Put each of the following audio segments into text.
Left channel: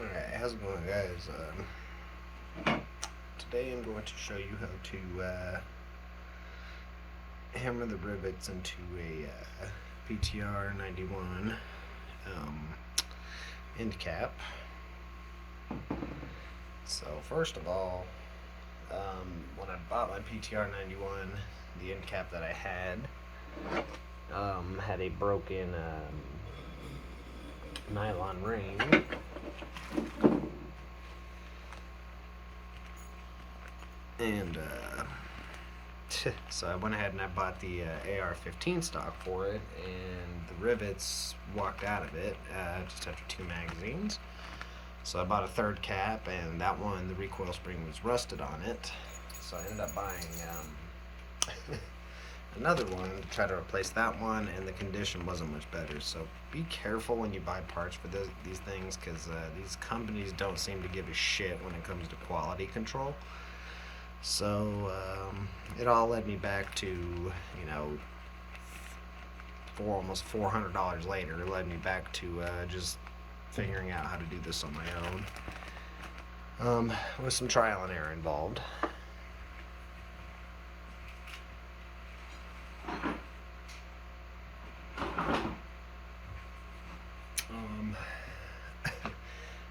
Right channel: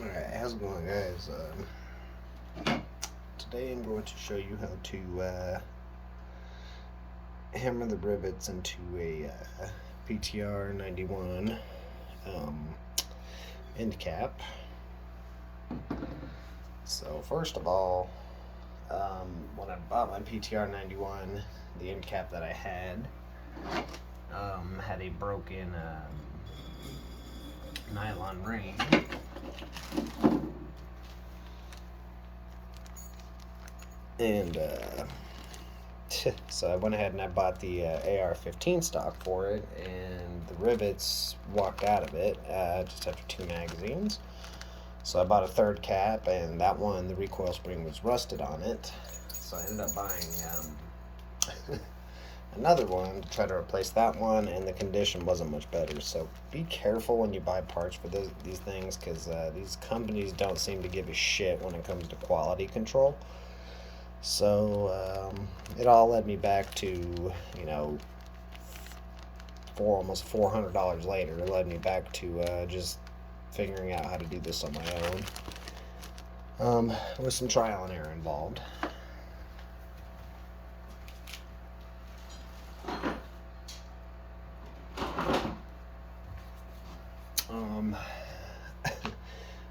Alright, how's it going, guys? Today I'm going to show you how to hammer the rivets into a ptr91 end cap. So first of all, when I bought my ptr91, the end cap that I had a broken nylon ring. And so I went ahead and I bought the AR-15 stock for it, and the rivets walked out of it just after 2 magazines. So I bought a third cap, and that one, the recoil spring was rusted on it. So I ended up buying another one to try to replace that one, and the condition wasn't much better. So be careful when you buy parts for these things, because these companies don't seem to give a shit when it comes to quality control. So it all led me back to, almost $400 later. It led me back to just figuring out how to do this on my own, with some trial and error involved.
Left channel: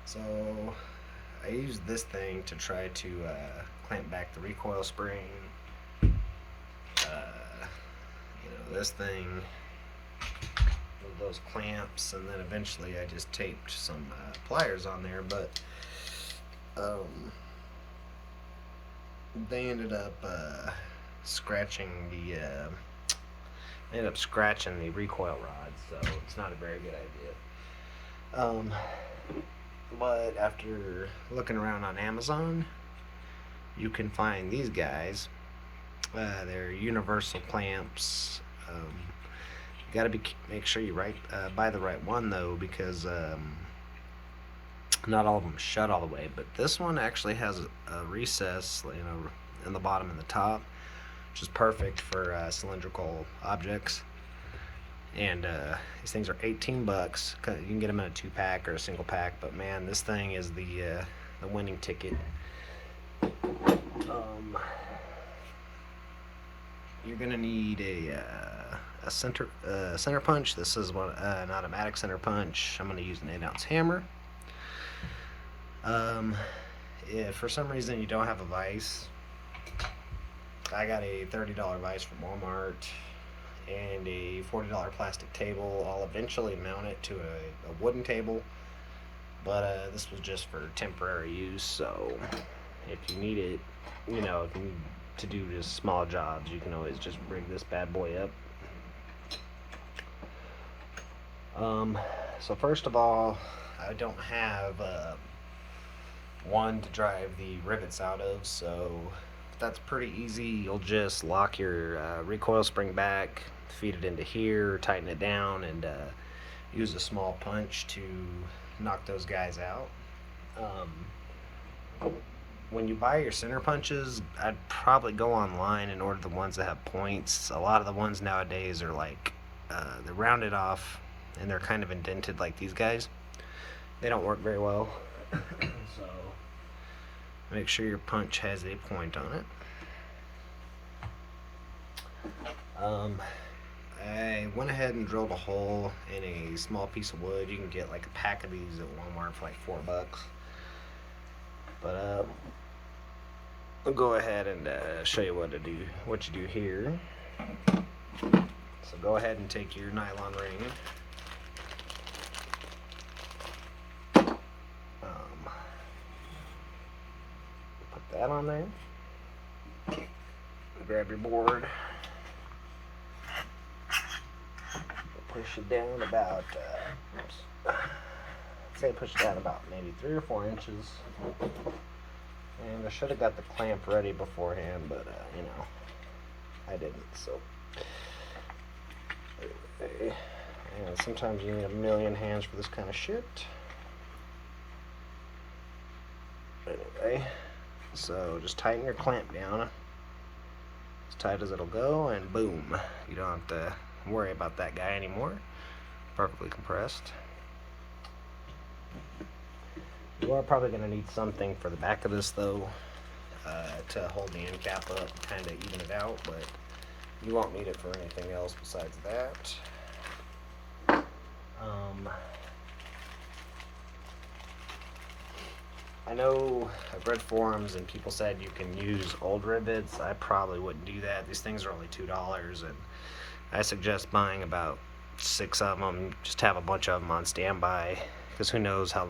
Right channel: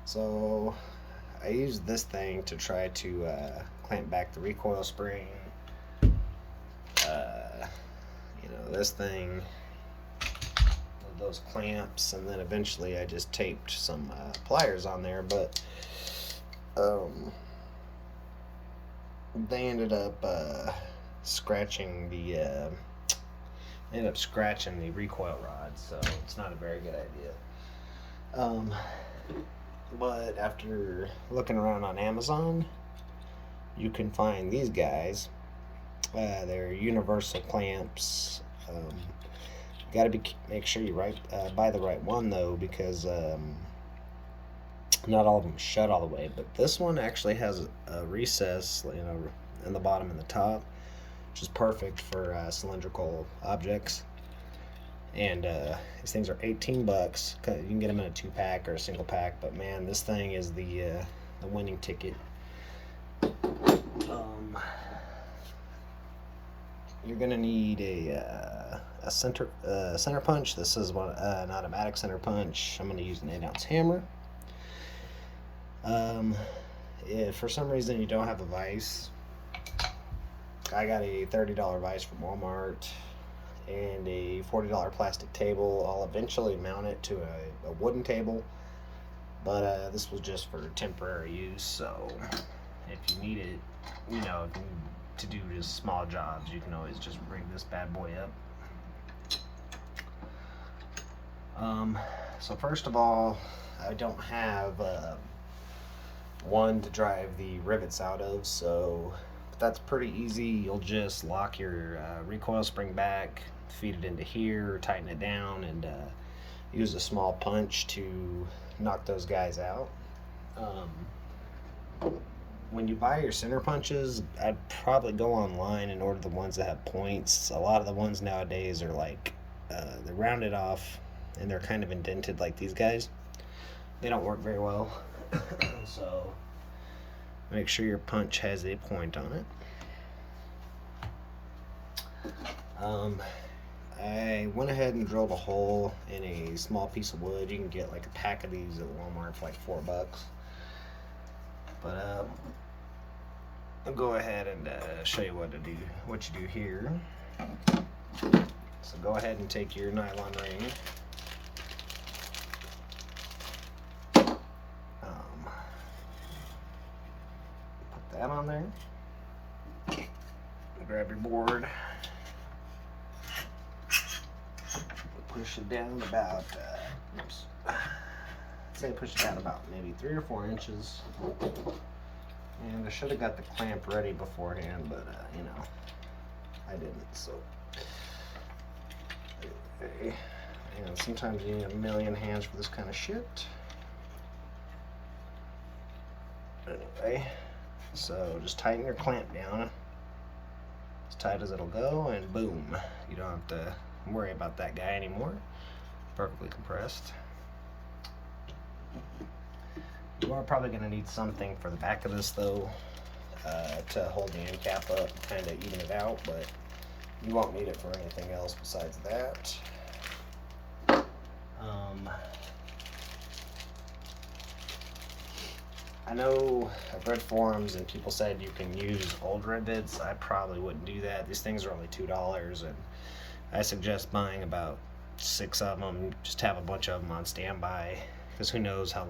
So I used this thing to try to clamp back the recoil spring. This thing with those clamps, and then eventually I just taped some pliers on there, but they ended up scratching the recoil rod, so it's not a very good idea. But after looking around on Amazon, you can find these guys. They're universal clamps. You gotta make sure you buy the right one, though, because not all of them shut all the way. But this one actually has a recess, in the bottom and the top, which is perfect for cylindrical objects. And these things are $18. You can get them in a 2-pack or a single pack, but man, this thing is the winning ticket. You're gonna need a center punch. This is an automatic center punch. I'm gonna use an 8-ounce hammer. If for some reason you don't have a vise, I got a $30 vise from Walmart and a $40 plastic table. I'll eventually mount it to a wooden table, but this was just for temporary use. So if you need it, to do just small jobs, you can always just rig this bad boy up. So first of all, I don't have one to drive the rivets out of, so that's pretty easy. You'll just lock your recoil spring back, feed it into here, tighten it down, and use a small punch to knock those guys out. When you buy your center punches, I'd probably go online and order the ones that have points. A lot of the ones nowadays are like they're rounded off and they're kind of indented like these guys. They don't work very well. So make sure your punch has a point on it. I went ahead and drilled a hole in a small piece of wood. You can get like a pack of these at Walmart for like $4. But I'll go ahead and show you what you do here. So go ahead and take your nylon ring. Put that on there. Grab your board. Push it down about, push it down about maybe 3 or 4 inches. And I should have got the clamp ready beforehand, but I didn't. So, and sometimes you need a million hands for this kind of shit. Anyway, so just tighten your clamp down as tight as it'll go, and boom, you don't have to worry about that guy anymore. Perfectly compressed. We're probably going to need something for the back of this though, to hold the end cap up, kind of even it out, but you won't need it for anything else besides that. I know I've read forums and people said you can use old rivets. I probably wouldn't do that. These things are only $2, and I suggest buying about 6 of them. Just have a bunch of them on standby, because who knows how,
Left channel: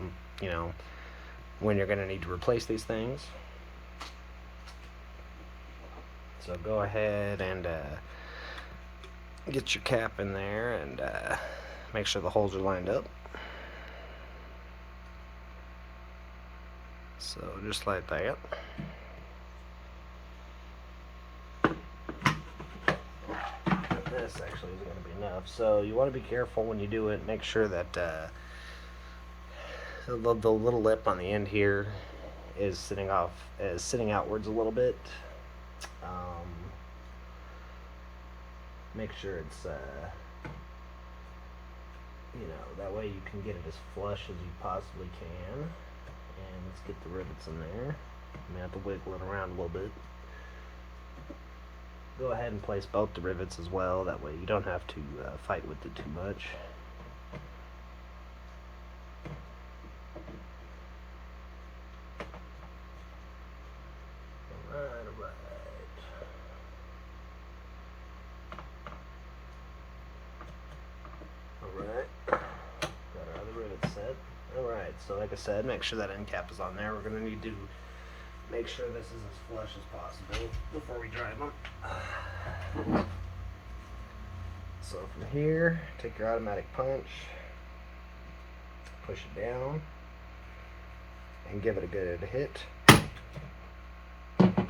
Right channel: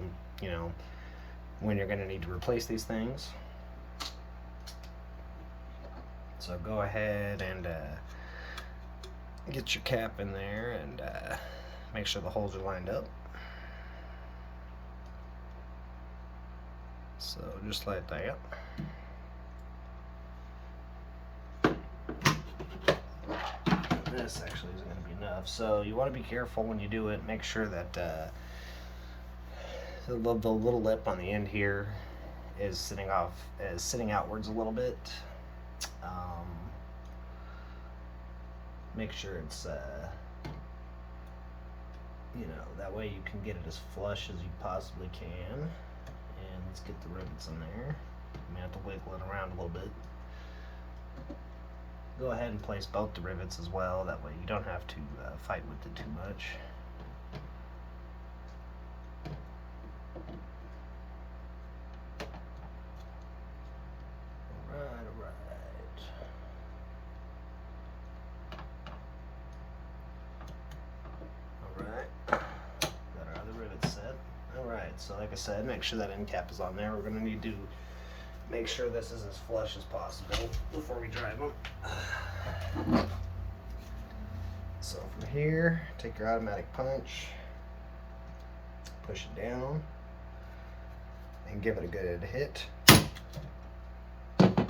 when you're going to need to replace these things. So go ahead and get your cap in there and make sure the holes are lined up. So just like that. This actually isn't going to be enough. So you want to be careful when you do it. Make sure that the little lip on the end here is sitting outwards a little bit. Make sure it's that way you can get it as flush as you possibly can. And let's get the rivets in there. You may have to wiggle it around a little bit. Go ahead and place both the rivets as well. That way you don't have to fight with it too much. Alright. Got our other rivets set. Alright, so like I said, make sure that end cap is on there. We're going to need to make sure this is as flush as possible before we drive them. So from here, take your automatic punch, push it down, and give it a good hit. And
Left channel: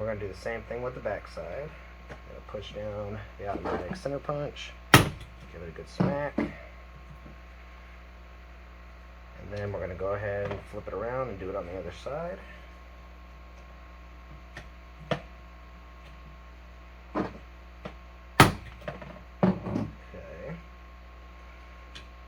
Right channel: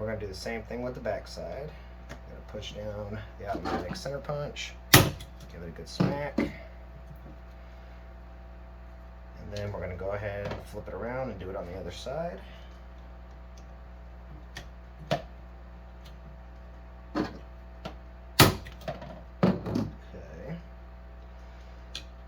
we're going to do the same thing with the back side. Going to push down the automatic center punch, give it a good smack. And then we're going to go ahead and flip it around and do it on the other side.